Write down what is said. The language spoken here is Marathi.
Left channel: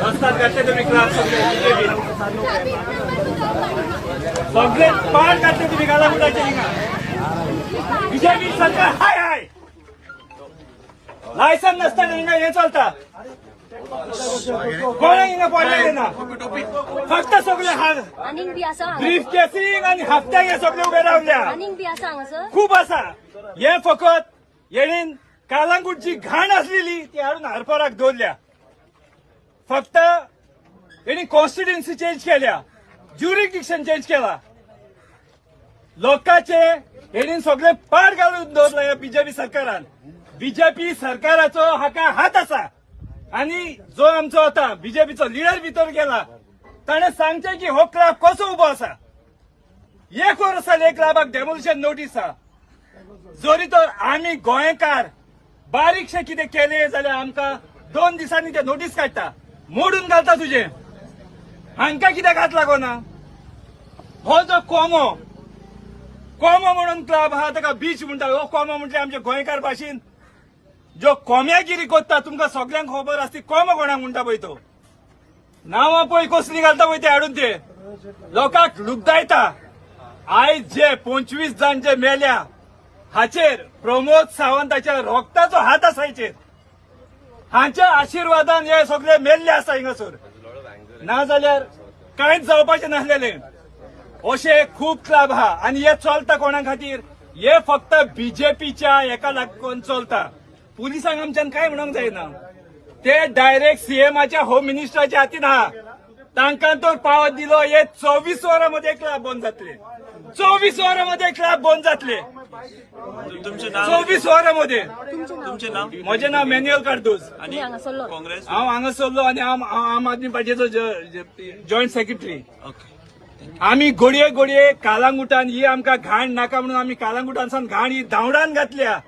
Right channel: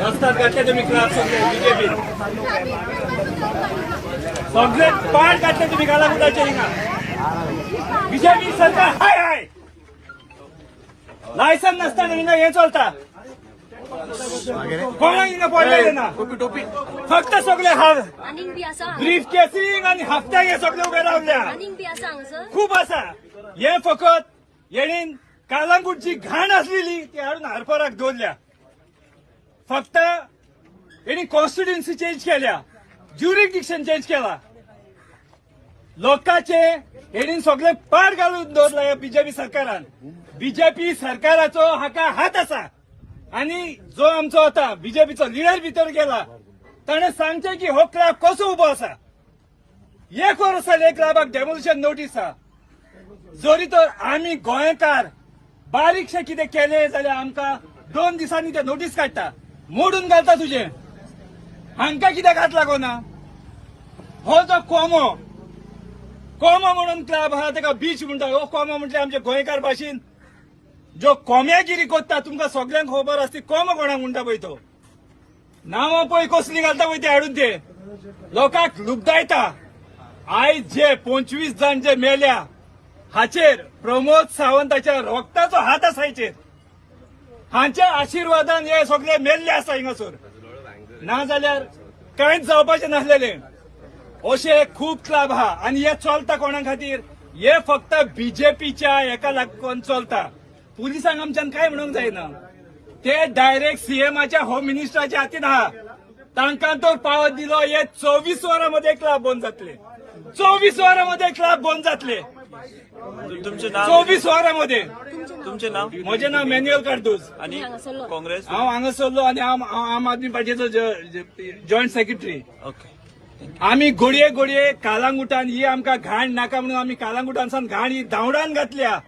रस्त्यात घातले तुम्ही क्लास सगळे बीजेपी सगळे पाड घातले तुम्ही गालागुटाचे बीजेपी सरकार हाय हाय लायसन नसताना हिंगा हे चालता कोणा हिंगा पडलेले ना फक्त सगळे हार ब्रीफ केसिंग आणि हप्त्याक हे सगळे उभे रावल्या खूप असा हे फकत येणीन कालांगूटची घाण असलेली ती हाडून हारपाराक दवरल्या फक्त यांनी कॉन्स्टिट्युएन्सी चेंज केल्या ज्युरिडिक्शन चेंज केला लोकांचे यांनी सगळे पार घालून दवरला बीजेपी सरकारान बीजेपी सरकाराचो हाका हात असा आणि जो आमचो होता बीजेपीचो लिडर भितर गेला ताणे सांगचे की हो क्लब कसो उबो असा 1 वर्स जालें क्लबाक डेमोलिशन नोटीस आहा जरी तर आमी गोंयकार बारीकशे कितें केले जाल्यार आमकां 2 दिसांनी ते नोटीस काडटा मोडून घालता तुझे हांकां कित्याक हात लागोना हो जो कोमो म्हणून क्लब आहा ताका बीच म्हणटा हो कोमो म्हणजे आमचे गोंयकार भाशेन जो कोम्यागिरी कोत्ता तुमकां सगळ्यांक खबर आसता कोमो कोणाक म्हणटा पळय तो नांवां पळय कसली घालता पळय ते हाडून ते लोकांक लुगदायता आयज जे 25 जाण जे मेल्या हाचेर प्रमोद सावंताच्या रोगताचो हात आसा हाचेर हांच्या आशिर्वादान हे सगळे मेल्ले आसा हिंगासर नाजाल्यार कांयच जावपाचें नासलेलें अशे खूब क्लब आहा आनी हे चलता कोणा खातीर हे फक्त बीजेपीच्या हेका लागून चलता पुलिसांक आमच्यान काय म्हणूंक जायना ते डायरेक्ट सीएमाच्या होम मिनिस्टराच्या हातीन आहा तांकां तो पावत दिलो हे 24 वरांमध्ये क्लब बंद जातले 24 वरांमध्ये क्लब बंद जातले तुमचे नाव 24 वरांमध्ये तुमचे नाव म्हजें नाव मॅन्युअल कार्दोज आणि काँग्रेस हांव हांगा सरलो आनी आम आदमी पार्टीचो जॉयंट सेक्रेटरी ओके आमी घडये कालांगुटान ही आमकां घाण नाका म्हणून आमी कालांगुटानसान घाण ही धांवडान घातल्या